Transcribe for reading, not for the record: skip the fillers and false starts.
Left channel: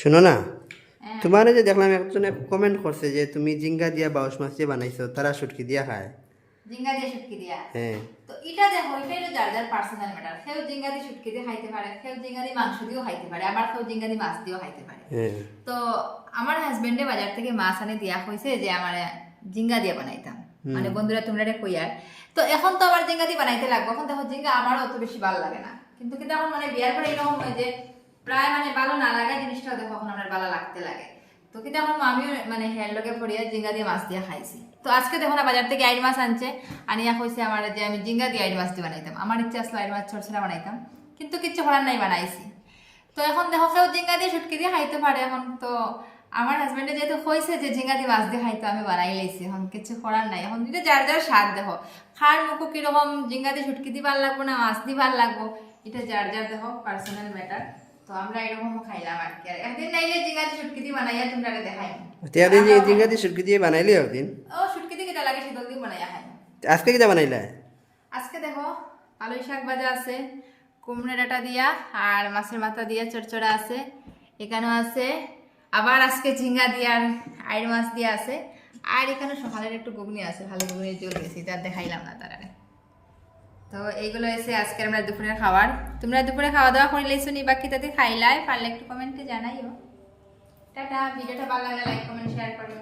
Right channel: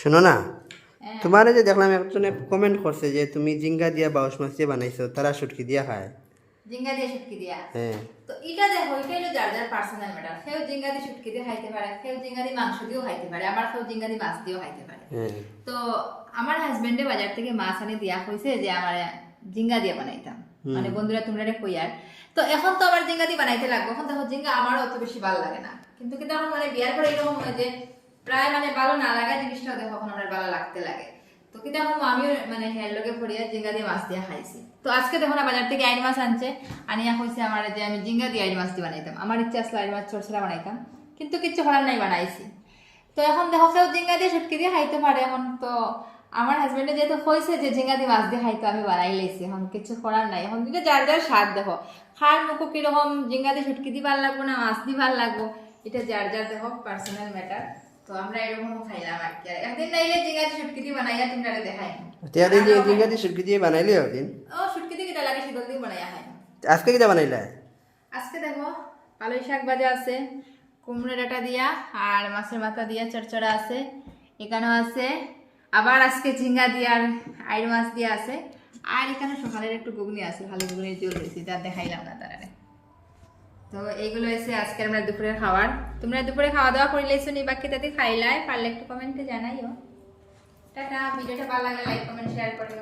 শোনো না, তোমার যে দেখলাম একজনে কমেন্ট করছে যে তুমি জিঙ্গা দিয়া বাউশ মাছ দিয়ে বানাইছো, তারা শুটকি দিয়া খায়। জিঙ্গা দিয়ে শুটকি দিয়া, হ্যাঁ, তো এটা দেখো, এটা হলো যার যার পার্সোনাল ম্যাটার। কেউ জিঙ্গা দিয়ে শুটকি দিয়ে খাইতে পারে, কেউ জিঙ্গা দিয়ে মাংস দিয়েও খাইতে পারে, আবার কেউ জিঙ্গা দিয়ে মাছ দিয়েও খাইতে পারে। হ্যাঁ, তো আমার হাজবেন্ডে বাজার থেকে মাছ আনে দিয়া হয়েছে যে আমার জিঙ্গা দিয়ে বানাইতাম, মানে বন্ধুরা তোমরা এটা কইয়ার। তো এখন তো আবার জিঙ্গা দিয়ে বানাইতে লাগবে, এখন দেখো জিঙ্গা আমারও অত বেশি ভালো লাগে না, কিন্তু কিন্তু এখন মানে বিয়ার পরে এরকম হয় যে প্রায় মানে ভালো না লাগা জিনিসটাও দেখো এখন আমার ভালো লাগতে লাগে। তো কিন্তু এখন আমিও মানে হেয়ার লোকে পড়িয়া জিঙ্গা দিয়ে মাছ দিয়ে খাইছি। তো আজকে দেখো না বাজার থেকে আইড মাছ আনছে, আনিয়া কইছে আমার যে আমি জিঙ্গা দিয়ে আইড মাছ দিয়ে বানাইতাম। আমার ইচ্ছা আসলে আইড মাছ চরচরা বানাইতাম, কিন্তু কিচ্ছু করার নাই, বানাইছি। তো এখন দেখো কেউ জিঙ্গা দিয়ে শুটকি দিয়ে খাইতে পারে। এখন তো আমার হাজবেন্ডে যেহেতু হয়েছে যে ঝিঙ্গা দিয়ে মাছ দিয়ে খাইতো, আমি বানাই লাইছি, এখন কিছু করার নাই। এখন কিন্তু যার যার স্বাদ দেখো, খার মুখো কিরকম, জিঙ্গা দিয়ে শুটকি দিয়ে ভালো লাগবো না মাছ দিয়ে ভালো লাগবো, এটা যার যার দেখো পার্সোনাল ম্যাটার। তো আমরা এরকম খাইলাম আর কি। আর একদিন নাইলে জিঙ্গা দিয়ে শুটকি দিয়ে বানাইয়া তোমরা দেখাই তিয়া দিয়ে জিঙ্গা দিয়ে শুটকি দিয়ে বানাইলি একদিন। ও শুটকি দিয়ে কিটা লাগে শীতল দিয়ে বানাইয়া খাই। আজকে কিটা বানাইলা? আজকে দেখো আলু শাক ভাজা আছে, কুমড়ো ডাঁটা দিয়া, আর মাছের মাথা দিয়া চড়চড়া আছে, এখানেও আছে, আবার আজকে ঝিঙ্গা দিয়া আর আইড় মাছ দিয়া আছে, আর এখানে সকালের একটু ঘুগনি আছে, ভালো ঘুগনির জল দিয়েছি, তার দেখাইলাম না তারারে। তো এইগুলো এসে আজকে আমরা দুপুরের খাবার। তোমরা দুপুরে খাওয়া দাওয়া করে লাইছো নি, বাকি তাতে খাইলাই, পারলে একটু কমেন্টে জানাইও। টাটা। ভিডিওটা ভালো লাগলে লাইক কমেন্ট শেয়ার করো।